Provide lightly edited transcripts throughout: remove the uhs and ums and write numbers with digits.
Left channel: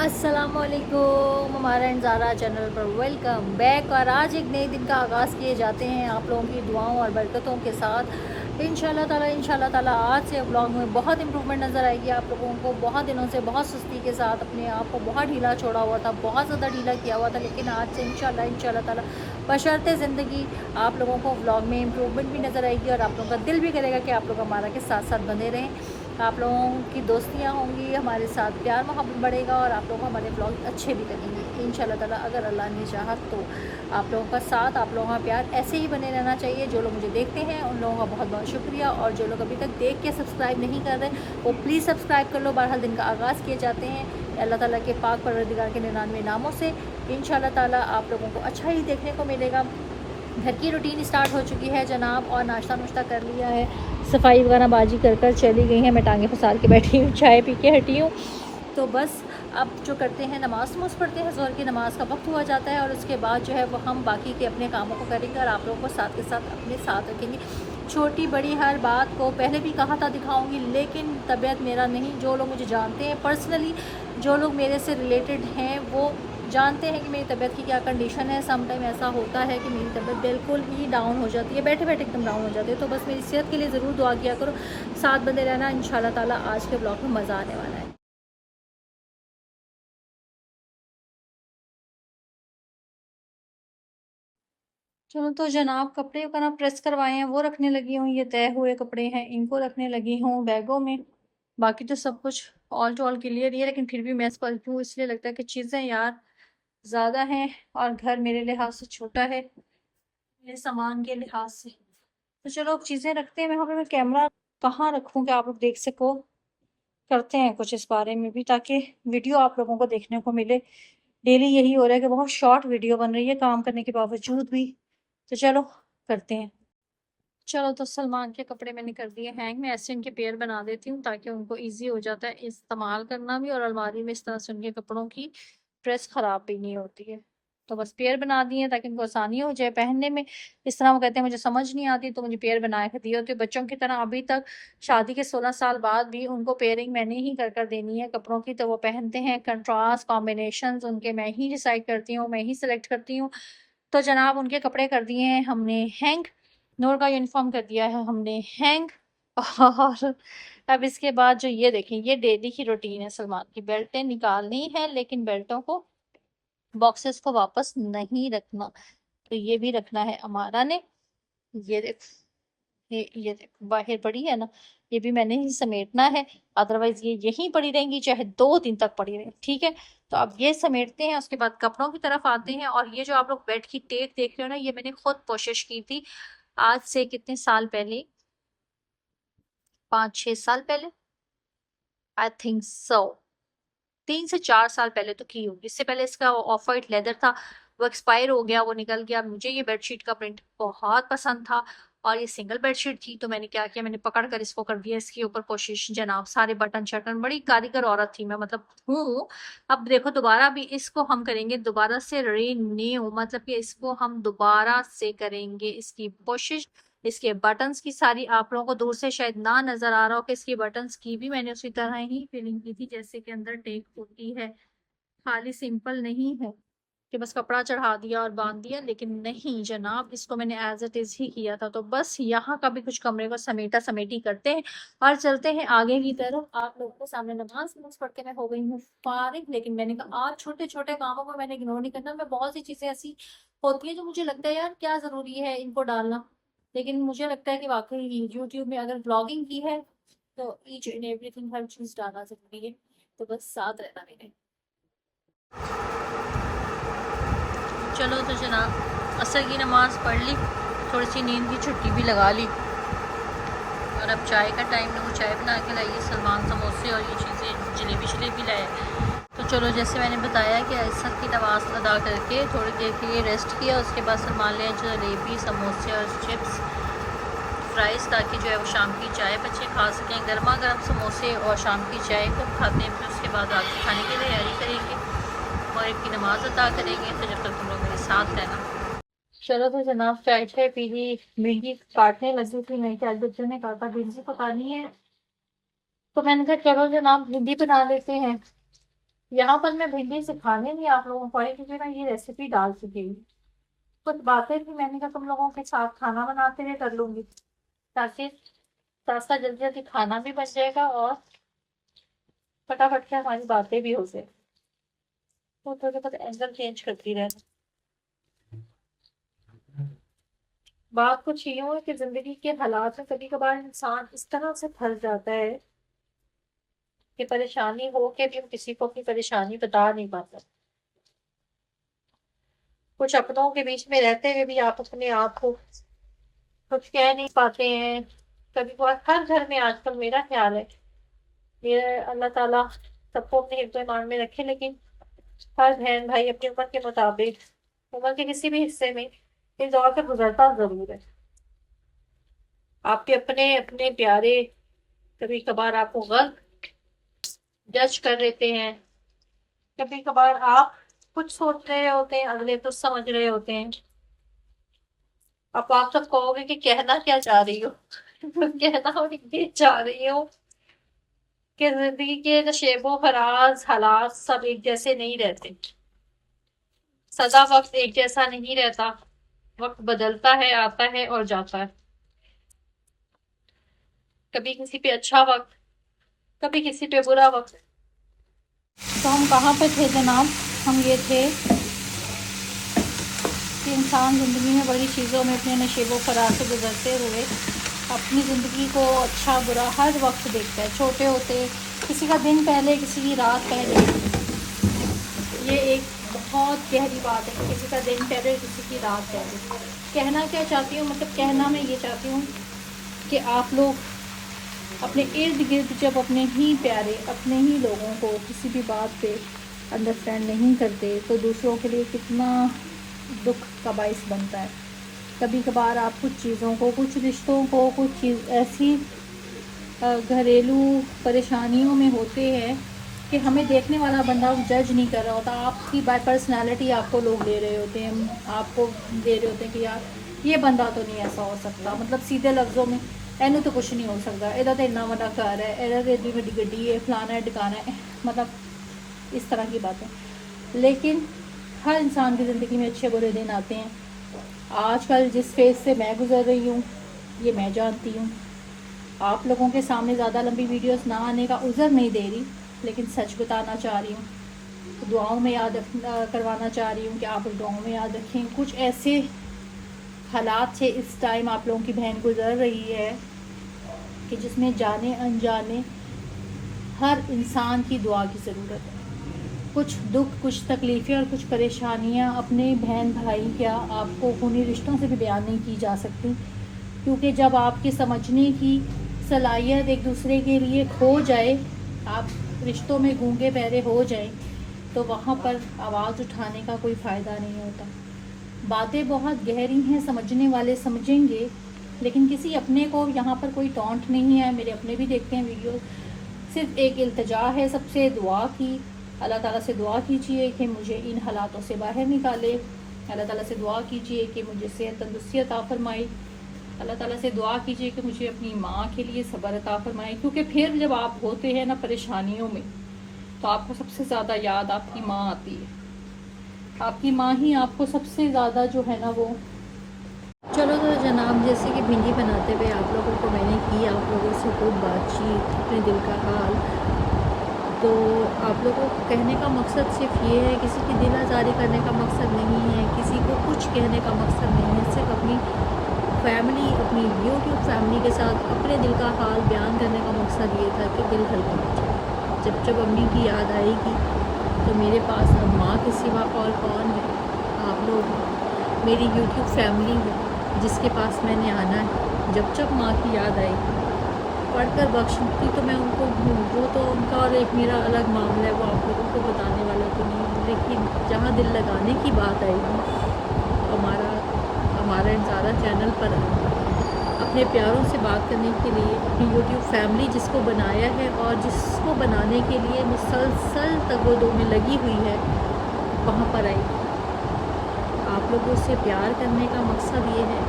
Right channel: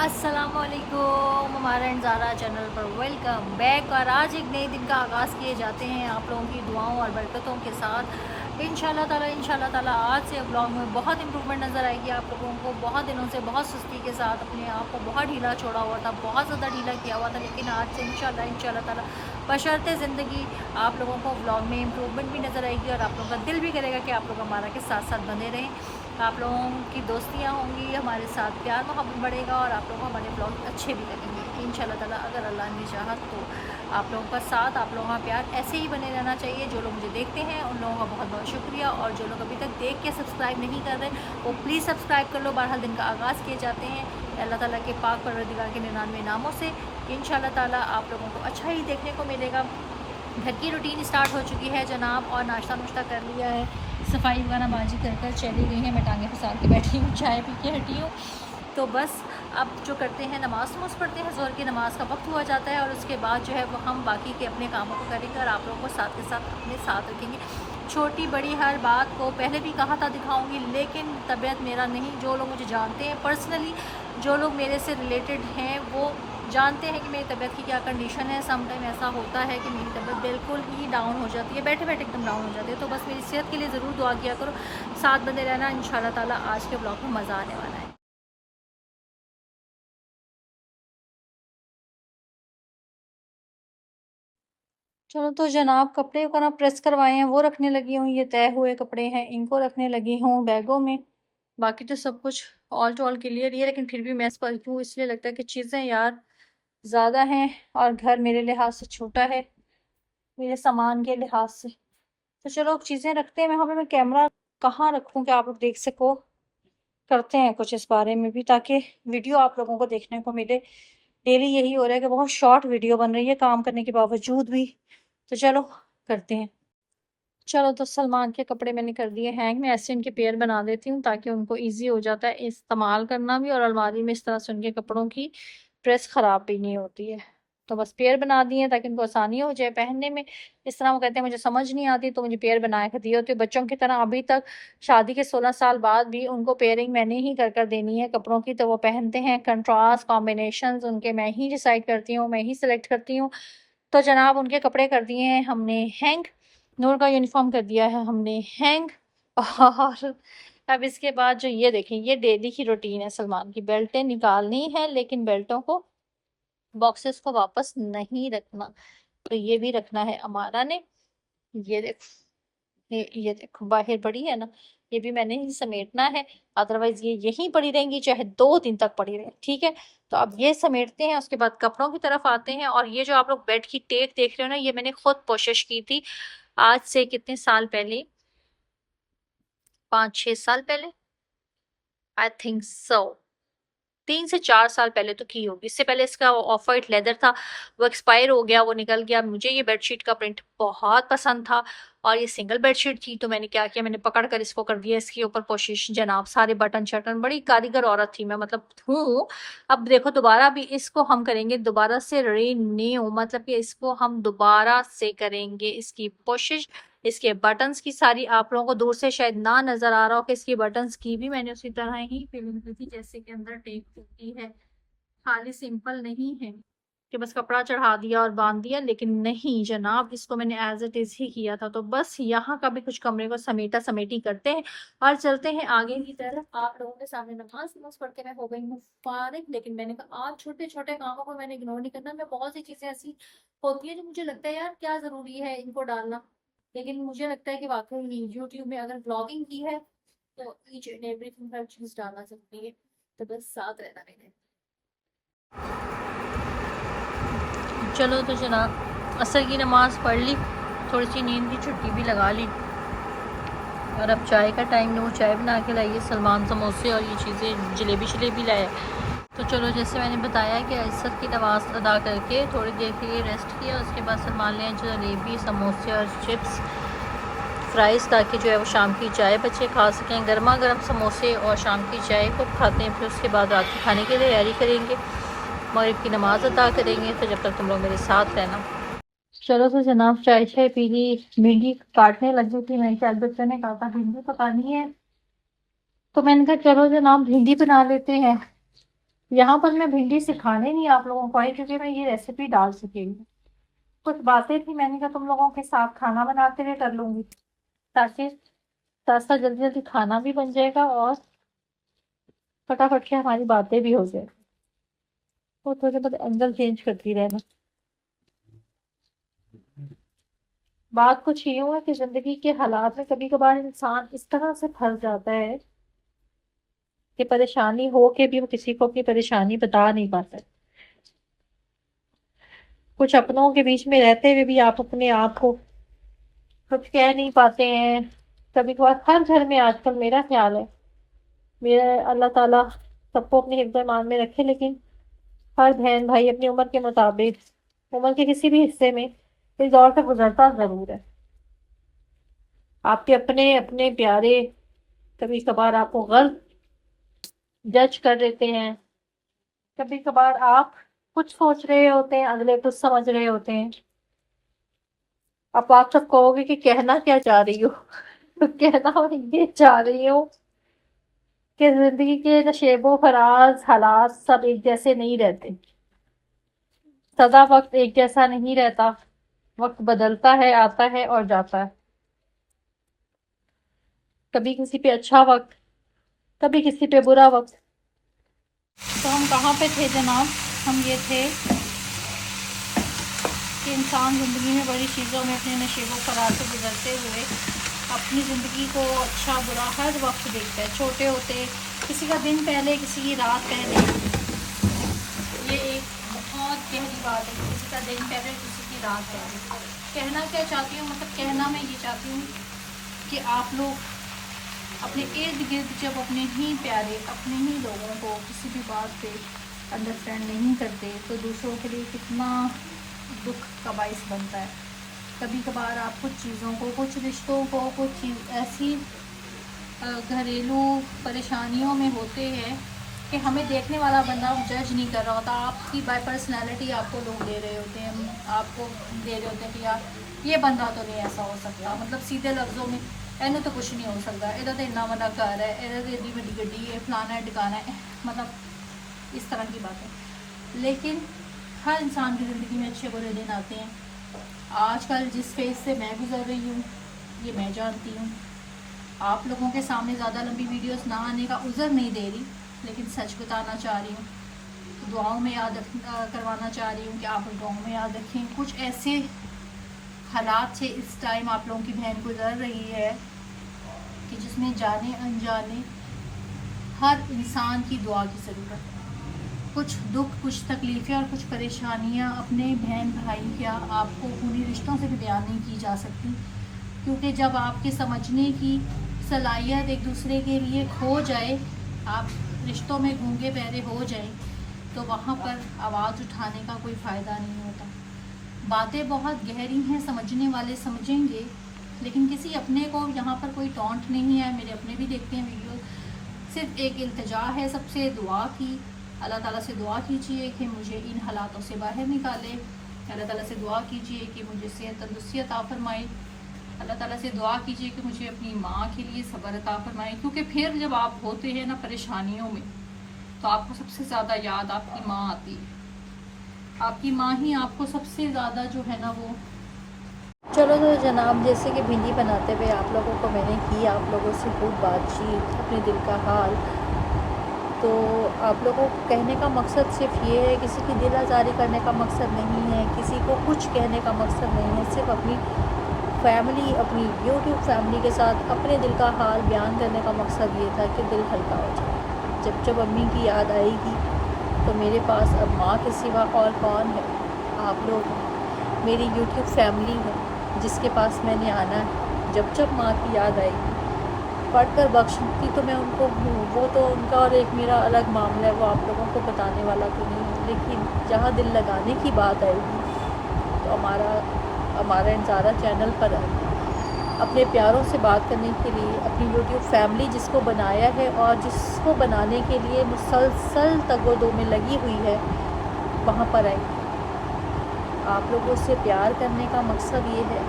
अस्सलामुअलैकुम, हमारा इंजारा चैनल पर वेलकम बैक। और आज एक नए दिन का आगाज़ किए जाते हैं आप लोगों की दुआओं और बरकतों के साथ इंशाल्लाह ताला। आज से व्लॉग में बहुत इंप्रूवमेंट नज़र आएगी आप लोगों को। बहुत दिनों से बहुत सुस्ती के साथ अपने आप को बहुत ढीला छोड़ा हुआ था, बहुत ज़्यादा ढीला किया हुआ था, लेकिन आज से इंशाल्लाह ताला बशर्ते ज़िंदगी आप लोगों को व्लॉग में इंप्रूवमेंट भी नज़र आएगी और आप लोगों का दिल भी करेगा कि आप लोग हमारा के साथ साथ बने रहें। आप लोगों की दोस्तियाँ होंगी, हमारे साथ प्यार मोहब्बत बढ़ेगा और आप लोग हमारे ब्लॉग अच्छे भी लगेंगे इंशाल्लाह ताला, अगर अल्लाह ने चाहा तो। आप लोगों का साथ, आप लोगों का प्यार ऐसे ही बने रहना चाहिए। जो लोग मुझे देखते हैं उन लोगों का बहुत बहुत शुक्रिया, और जो लोग अभी तक देख के सब्सक्राइब नहीं कर रहे वो प्लीज़ सब्सक्राइब कर लो। बहरहाल दिन का आगाज़ किए जाते हैं अल्लाह ताला के पाक परवरदिगार के 99 नामों से। इंशाल्लाह ताला आप लोगों को अच्छा ही देखने को मिलेगा। घर की रूटीन स्टार्ट हो चुकी है जनाब, और नाश्ता नुश्ता कर लिया है, सफाई वगैरह बाजी कर कर चली गई हैं। मैं टांगे फसार के बैठी हूँ, चाय पी के हटी हूँ। तो बस अब जो करते हैं, नमाज़ पढ़ते हैं, ज़ोहर की नमाज़ का वक्त हुआ जाता है और उसके बाद जो है वो हम बाकी के अपने कामों को करेंगे और आप लोगों को साथ के साथ अपने साथ रखेंगे। छोटी बड़ी हर बात को पहले भी कहा था दिखाऊंगी, लेकिन तबीयत मेरा नहीं। जो लोग मुझे जानते हैं पर्सनली, जो लोग मेरे से रिलेटेड हैं, वो जानते हैं कि मेरी तबीयत की क्या कंडीशन है। सम टाइम ऐसा होता है कि मेरी तबीयत बिल्कुल ही डाउन हो जाती है, बैठे बैठे एकदम डाउन हो जाती है। तो बस मेरी सेहत के लिए ज़रूर दुआ किया करो, साथ बंधे रहना। इंशाल्लाह ताला आज के ब्लॉग में मज़ा आने वाला है। चलो तो जनाब, कपड़े वगैरह प्रेस करवाए हैं वो रखने लगी हूँ। ये तय हुए कपड़े हैं, इनको रखने लगी हूँ बैगों में। बाकी तो सब कुछ ऑल टू ऑल क्लियर ही है, लेकिन फिर भी मैं पलटूँ इसलिए लगता है कि चीज़ें यार ज़्यादा हैं और घर मेरे लिहाज से छोटा है, मेरे सामान के लिहाज से। तो चलो अब चीज़ें रखते हैं। मैं वहाँ पे मैं कैमरा कहाँ रखूँ कि आप लोग देख सको। करते हैं कुछ इस बारे में भी, ताकि वीडियो आप लोगों को देखने को मिले। डेली यही हो रहा है कि बहुत शॉर्ट वीडियो बन रही है काम करने के बावजूद भी। तो चलो करते हैं। चलो तो सलमान के कपड़े मैंने कर दिए हैंग। मैं ऐसे इनके पेयर बना देती हूँ ताकि उनको ईजी हो जाता है इस्तेमाल करना भी, और अलमारी में इस तरह से उनके कपड़ों की प्रेस ख़राब भी नहीं होती है। तो बस पेयर बना दिए ताकि उनको आसानी हो जाए पहनने में। इस तरह वो कहते हैं मुझे समझ नहीं आती, तो मुझे पेयर बना के दिए होते। बच्चों की तरह अभी तक शादी के 16 साल बाद भी उनको पेयरिंग मैंने ही कर कर देनी है कपड़ों की, तो वो पहनते हैं। कंट्रास्ट कॉम्बिनेशंस उनके मैं ही डिसाइड करती हूँ, मैं ही सिलेक्ट करती हूँ। तो जनाब उनके कपड़े कर दिए हैं हमने हैंग, नूर का यूनिफॉर्म कर दिया है हमने हैंग। और अब इसके बाद जो ये देखें, ये डेली की रूटीन है सलमान की। बेल्टें निकालनी है, लेकिन बेल्टों को, बॉक्सेस को वापस नहीं रखना। तो ये भी रखना है अमारा ने। ये देखो, ये देखो बाहर पड़ी है ना, ये भी मैंने ही समेटना है। अदरवाइज ये यहीं पड़ी रहेंगी, चाहे 2 दिन तक पड़ी रहे, ठीक है। तो अब ये समेटते हैं, उसके बाद कपड़ों की तरफ आते हैं। और ये जो आप लोग बेड की टेक देख रहे हो ना, ये मैंने खुद कोशिश की थी आज से कितने साल पहले, 5-6 साल पहले, आई थिंक सो। 3 से 4 साल पहले तो की होगी। इससे पहले इसका ऑफ वाइट लेदर था, वो एक्सपायर हो गया, वो निकल गया। मुझे ये बेडशीट का प्रिंट बहुत पसंद था और ये सिंगल बेडशीट थी। तो मैंने क्या किया, मैंने पकड़ कर इसको कर दिया इसके ऊपर कोशिश जनाब। सारे बटन शटन, बड़ी कारीगर औरत थी मैं, मतलब हूँ। अब देखो दोबारा भी इसको हम करेंगे दोबारा से रीन्यू, मतलब कि इसको हम दोबारा से करेंगे इसकी कोशिश। इसके बटन्स की सारी, आप लोगों को दूर से शायद ना नजर आ रहा हो कि इसकी बटन्स की भी मैंने उसी तरह ही फिलिंग की थी जैसे कि अंदर टेक होती है। खाली सिंपल नहीं है कि बस कपड़ा चढ़ा दिया और बांध दिया, लेकिन नहीं जनाब, इसको मैंने एज इट इज ही किया था। तो बस यहाँ का भी कुछ कमरे को समेटा समेटी करते हैं और चलते हैं आगे की तरफ। आप लोगों के सामने नमाज नमाज पढ़ के मैं हो गई हूँ फारिग, लेकिन मैंने कहा आज छोटे छोटे कामों को मैंने इग्नोर नहीं करना। मैं बहुत सी चीजें ऐसी होती है जो मुझे लगता है यार क्या जरूरी है इनको डालना, लेकिन मुझे लगता है कि वाकई यूट्यूब में अगर ब्लॉगिंग की है तो ईच एंड एवरीथिंग, हर चीज डालना जरूरी है। तो बस साथ रहना मेरे। चलो तो जनाब, असर की नमाज़ पढ़ ली, थोड़ी सी नींद की छुट्टी भी लगा ली, और अब चाय का टाइम है। वो चाय बना के लाई, सलमान समोसे और ये चीज़ें, जलेबी शलेबी लाया। तो चलो जैसे मैंने बताया कि असर की नमाज़ अदा करके थोड़ी देर के लिए रेस्ट किया, उसके बाद सलमान ले जलेबी समोसे और चिप्स फ्राइज़, ताकि जो है वो शाम की चाय बच्चे खा सकें। गर्मा गर्म समोसे और शाम की चाय को खाते हैं, फिर उसके बाद रात के खाने की तैयारी करेंगे, मगरिब की नमाज़ अदा करेंगे। तो जब तक तुम लोग मेरे साथ रहना। चलो तो जनाब, चाय चाय पी ली, भिंडी काटने लगी थी। मेरे ख्याल बच्चों ने कहा था भिंडी पकानी है, तो मैंने कहा चलो जनाब भिंडी बना लेते हैं। यहाँ पर मैं भिंडी सिखाने नहीं आप लोगों को आई, क्योंकि मैं ये रेसिपी डाल चुकी हूँ। कुछ बातें थी, मैंने कहा तुम लोगों के साथ खाना बनाते हुए कर लूंगी, ताकि साथ साथ जल्दी जल्दी खाना भी बन जाएगा और फटाफट से हमारी बातें भी हो जाए। तो थोड़े बहुत एंगल चेंज करती रहना। बात कुछ यूं है कि जिंदगी के हालात में कभी कभार इंसान इस तरह से फंस जाता है कि परेशानी हो के भी वो किसी को अपनी परेशानी बता नहीं पाता। कुछ अपनों के बीच में रहते हुए भी आप अपने आप को कुछ कह नहीं पाते हैं। कभी कभार हर घर में आजकल, मेरा ख्याल है, मेरे अल्लाह ताला सबको अपने हिफ्ज़ ईमान में रखे, लेकिन हर बहन भाई अपनी उम्र के मुताबिक उम्र के किसी भी हिस्से में इस दौर से गुजरता जरूर है। आपके अपने अपने प्यारे कभी कभार आपको गलत जज कर देते हैं। कभी कभार आप कुछ सोच रहे होते हैं, अगले कुछ समझ रहे होते हैं। आप सब कहोगे कि कहना क्या चाह रही हो। तो कहना मैं ये चाह रही हूँ कि जिंदगी के नशेबो फराज हालात सब एक जैसे नहीं रहते। सदा वक्त एक जैसा नहीं रहता। वक्त बदलता है, आता है और जाता है। कभी किसी पे अच्छा वक्त, कभी किसी पे बुरा वक्त। तो हम कहाँ पे थे जनाब? हम ये थे कि इंसान ज़िंदगी में बड़ी चीज़ों में अपने नशेबो फरार से गुजरते हुए अपनी ज़िंदगी को अच्छा बुरा हर वक्त देखता है। छोटे होते किसी का दिन पहले, किसी की रात पहले। ये एक बहुत गहरी बात है, किसी का दिन पहले, किसी की रात पहले। कहना क्या चाहती हूँ, मतलब कहना मैं ये चाहती हूँ कि आप लोग अपने इर्द गिर्द जब अपने ही प्यारे, अपने ही लोगों को किसी भी बात पे अंडरस्टैंड नहीं करते, तो दूसरों के लिए कितना दुख का बाइस बनता है। कभी कभार आप कुछ चीज़ों को, कुछ रिश्तों को, कुछ चीज़ ऐसी घरेलू परेशानियों में होते हैं कि हमें देखने वाला बंदा जज नहीं कर रहा होता। आपकी बाय पर्सनैलिटी आपको लोग ले रहे होते हैं, आपको दे रहे होते हैं कि यार ये बंदा तो नहीं ऐसा हो सकता, मतलब सीधे लफ्ज़ों में एनू तो कुछ नहीं हो सकता, इधर तो इन्ना बड़ा घर है, इधर तो इतनी बड़ी गड्डी है, फलाना है टिकाना है, मतलब इस तरह की बातें। लेकिन हर इंसान की ज़िंदगी में अच्छे बुरे दिन आते हैं। आजकल जिस फेज़ से मैं गुजर रही हूँ ये मैं जानती हूँ। आप लोगों के सामने ज़्यादा लंबी वीडियोस ना आने का उज़र नहीं दे रही, लेकिन सच बताना चाह रही हूँ। तो दुआओं में याद करवाना चाह रही हूँ कि आप दुआओं में याद रखें। कुछ ऐसे हालात से इस टाइम आप लोगों की बहन गुजर रही है कि जिसमें जाने अनजाने हर इंसान की दुआ की ज़रूरत है। कुछ दुख, कुछ तकलीफ़ें और कुछ परेशानियाँ अपने बहन भाई या आपको खूनी रिश्तों से भी बयान नहीं की जा सकती, क्योंकि जब आपके समझने की सलाहियत एक दूसरे के लिए खो जाए, आप रिश्तों में गूंगे बहरे हो जाए, तो वहाँ पर आवाज़ उठाने का कोई फ़ायदा नहीं होता। बातें बहुत गहरी हैं, समझने वाले समझेंगे, लेकिन किसी अपने को यहाँ पर कोई टॉन्ट नहीं है। मेरे अपने भी देखते हैं वीडियो। सिर्फ एक इल्तिजा है सबसे, दुआ की। अल्लाह ताला से दुआ कीजिए कि मुझे इन हालातों से बाहर निकाले। अल्लाह ताला से दुआ कीजिए कि मुझे सेहत तंदुरुस्ती अता फरमाए। अल्लाह ताला से दुआ कीजिए कि मुझे अपनी माँ के लिए सब्र अता फरमाए, क्योंकि फिर जब आप होते हैं ना परेशानियों में, तो आपको सबसे ज़्यादा याद आपकी माँ आती है। आपकी माँ ही आपको सबसे ज़्यादा जो है ना वो। चलो तो जनाब, जैसे कि भिंडी बनाते हुए आप लोगों को मैंने की आप लोगों से खूब बातचीत, अपने दिल का हाल। तो आप लोगों को कहने का मकसद सिर्फ ये है, किसी की दिल आज़ारी करने का मकसद नहीं है, किसी को कुछ कहने का मकसद नहीं है। सिर्फ अपनी फैमिली, अपनी यूट्यूब फैमिली के साथ अपने दिल का हाल बयान करने का मकसद ये था कि दिल हल्का हो जाए। जब जब अम्मी की याद आएगी तो मेरे पास अब माँ के सिवा और कौन है? आप लोग मेरी यूट्यूब फैमिली है जिसके पास मैंने आना है। जब जब माँ की याद आएगी, पढ़कर बख्शती तो मैं उनको हूँ, वो तो उनका और एक मेरा अलग मामला है, वो आप लोगों को बताने वाला तो नहीं है। लेकिन जहाँ दिल लगाने की बात आएगी तो हमारा इंसारा चैनल पर अपने प्यारों से बात करने के लिए अपनी यूट्यूब फैमिली जिसको बनाया है और जिसको बनाने के लिए मुसलसल तगोदो में लगी हुई है, वहाँ पर आई। आप लोगों से प्यार करने का मकसद ये है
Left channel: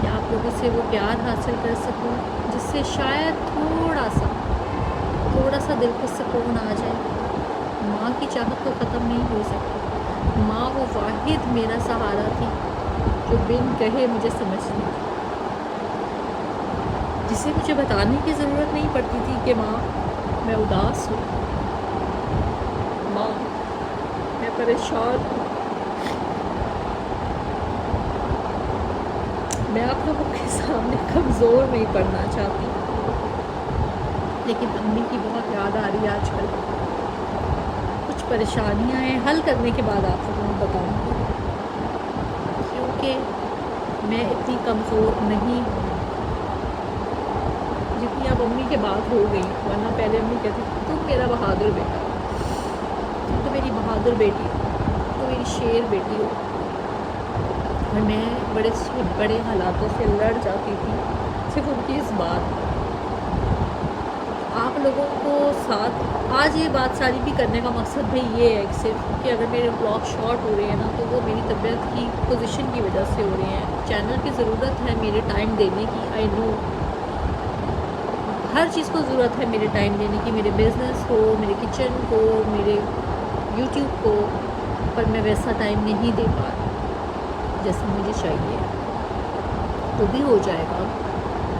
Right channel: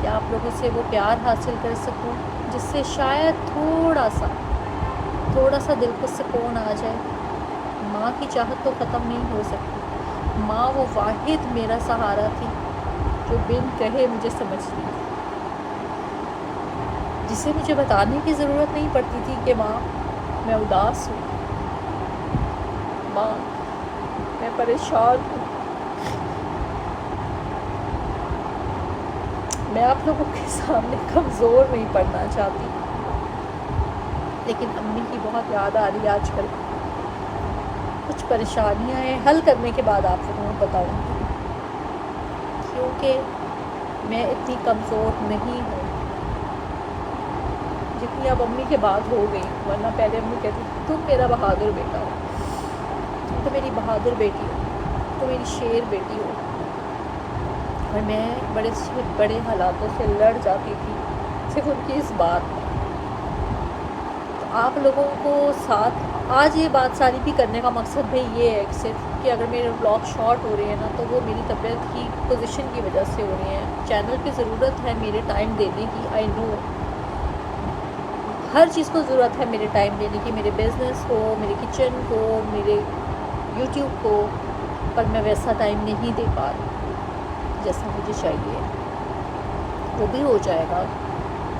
कि आप लोगों से वो प्यार हासिल कर सकूं जिससे शायद थोड़ा सा दिल को सुकून आ जाए। ماں کی چاہت تو ختم نہیں ہو سکتی. ماں وہ واحد میرا سہارا تھی جو بن کہے مجھے سمجھتی تھی، جسے مجھے بتانے کی ضرورت نہیں پڑتی تھی کہ ماں میں اداس ہوں، ماں میں پریشان ہوں. میں آپ لوگوں کے سامنے کمزور نہیں پڑنا چاہتی، لیکن امی کی بہت یاد آ رہی ہے آج کل. کچھ پریشانیاں ہیں، حل کرنے کے بعد آپ لوگوں کو بتاؤں گی، کیونکہ میں اتنی کمزور نہیں ہوں جتنی اب امی کے بعد ہو گئی. ورنہ پہلے امی کہتی تھی تم میرا بہادر بیٹا ہو، تم تو میری بہادر بیٹی ہو، تو میری شیر بیٹی ہو. اور میں بڑے سے بڑے حالاتوں سے لڑ جاتی تھی صرف ان کی اس بات پر. تو آپ لوگوں کو ساتھ آج یہ بات ساری بھی کرنے کا مقصد بھی یہ ہے کہ صرف کہ اگر میرے بلاگ شارٹ ہو رہے ہیں نا تو وہ میری طبیعت کی پوزیشن کی وجہ سے ہو رہے ہیں. چینل کی ضرورت ہے میرے ٹائم دینے کی، آئی نو ہر چیز کو ضرورت ہے میرے ٹائم دینے کی، میرے بزنس کو، میرے کچن کو، میرے یوٹیوب کو، پر میں ویسا ٹائم نہیں دے پا رہی جیسا مجھے چاہیے. وہ بھی ہو جائے گا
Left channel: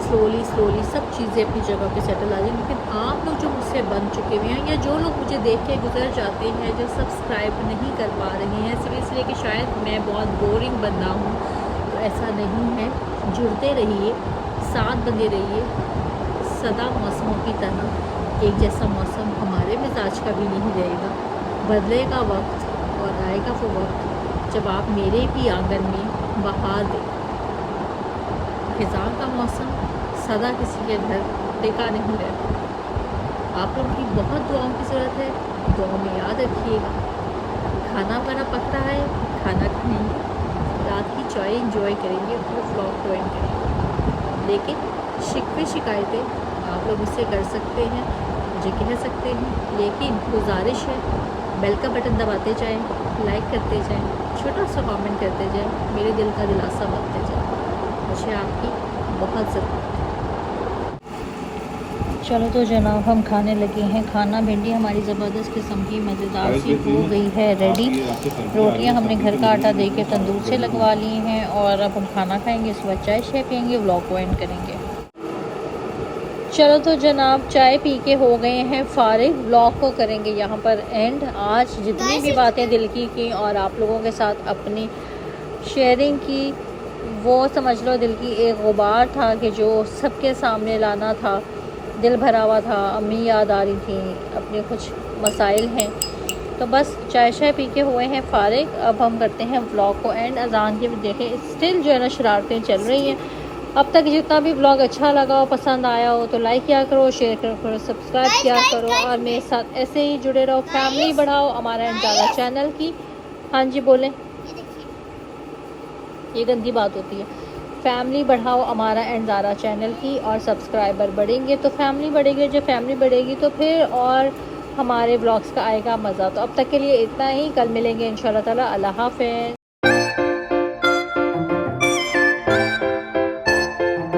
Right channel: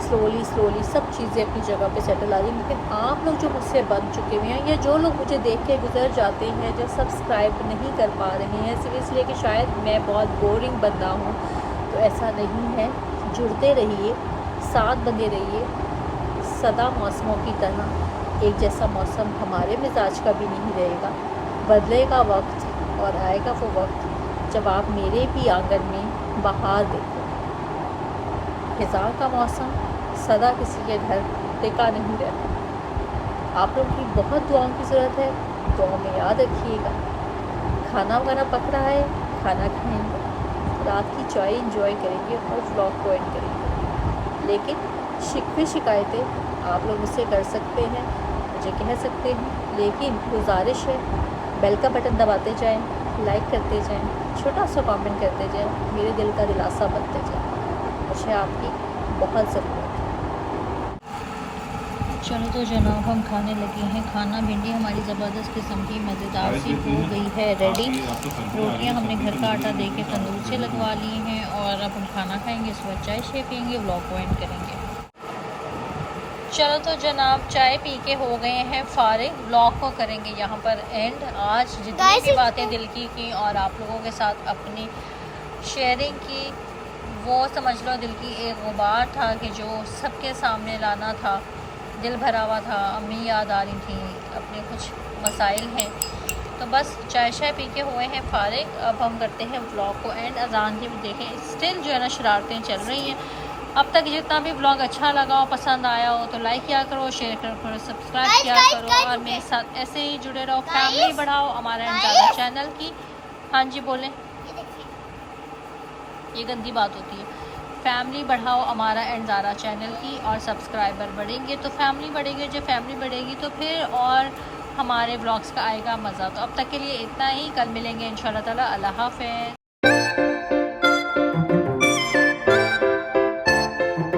سلولی سب چیزیں اپنی جگہ پہ سیٹل آ جائیں. لیکن آپ لوگ جو مجھ سے بن چکے ہوئے ہیں یا جو لوگ مجھے دیکھ کے گزر جاتے ہیں، جو سبسکرائب نہیں کر پا رہے ہیں صرف اس لیے کہ شاید میں بہت بورنگ بندہ ہوں، تو ایسا نہیں ہے. جڑتے رہیے، ساتھ بندے رہیے. سدا موسموں کی طرح ایک جیسا موسم ہمارے مزاج کا بھی نہیں رہے گا. بدلے گا وقت اور آئے گا وہ وقت جب آپ میرے بھی آنگن میں بہار دیکھو. خزاں کا موسم سدا کسی کے گھر ٹکا نہیں رہتا. آپ لوگوں کی بہت دعاؤں کی ضرورت ہے، دعاؤں میں یاد رکھیے گا. کھانا وغیرہ پک رہا ہے، کھانا کھائیں گے، رات کی چائے انجوائے کریں گے اور ولاگ کو اینڈ کریں گے. لیکن شکوے شکایتیں آپ لوگ مجھ سے کر سکتے ہیں، مجھے کہہ سکتے ہیں، لیکن گزارش ہے بیل کا بٹن دباتے جائیں، لائک کرتے جائیں، چھوٹا سا کامنٹ کرتے جائیں، میرے دل کا دلاسا بنتے جائیں. مجھے آپ کی بہت ضرورت ہے. چلو تو جناب ہم کھانے لگے ہیں. کھانا بھنڈی ہماری زبردست قسم کی مزیدار سی ہو گئی ہے ریڈی. روٹیاں ہم نے گھر کا آٹا دے کے تندور سے لگوا لی ہیں اور اب ہم کھانا کھائیں گے، اس کے بعد چائے شائے پئیں گے، ولاگ کو اینڈ کریں گے. چلو تو جناب چائے پی کے ہو گئے ہیں فارغ، ولاگ کو کریں گے یہاں پر اینڈ. آج جتنی بھی باتیں دل کی اور آپ لوگوں کے ساتھ اپنی شیئرنگ کی، وہ سمجھ لو دل کی ایک غبار تھا کہ جو سب کے سامنے لانا تھا. دل بھرا ہوا تھا، امی یاد آ رہی تھیں، اپنے کچھ مسائل ہیں، تو بس چائے شائے پی کے ہوئے ہیں فارغ. اب ہم کرتے ہیں ولاگ کو اینڈ. اذان کے بھی دیکھیں اسٹل جو ہے نا شرارتیں چل رہی ہیں. اب تک جتنا بھی ولاگ اچھا لگا ہو، پسند آیا ہو تو لائک کیا کرو، شیئر کرو، سبسکرائب کیا کرو اور میرے ساتھ ایسے ہی جڑے رہو. فیملی بڑھاؤ ہمارا انزارہ چینل کی. ہاں جی بولیں، یہ گندی بات ہوتی ہے. فیملی بڑھاؤ ہمارا انزارہ چینل کی، اور سبسکرائبر بڑھیں گے تو فیملی بڑھے گی، جب فیملی بڑھے گی تو پھر اور ہمارے بلاگس کا آئے گا مزہ. تو اب تک کے لیے اتنا ہی، کل ملیں گے انشاءاللہ تعالی. اللہ حافظ.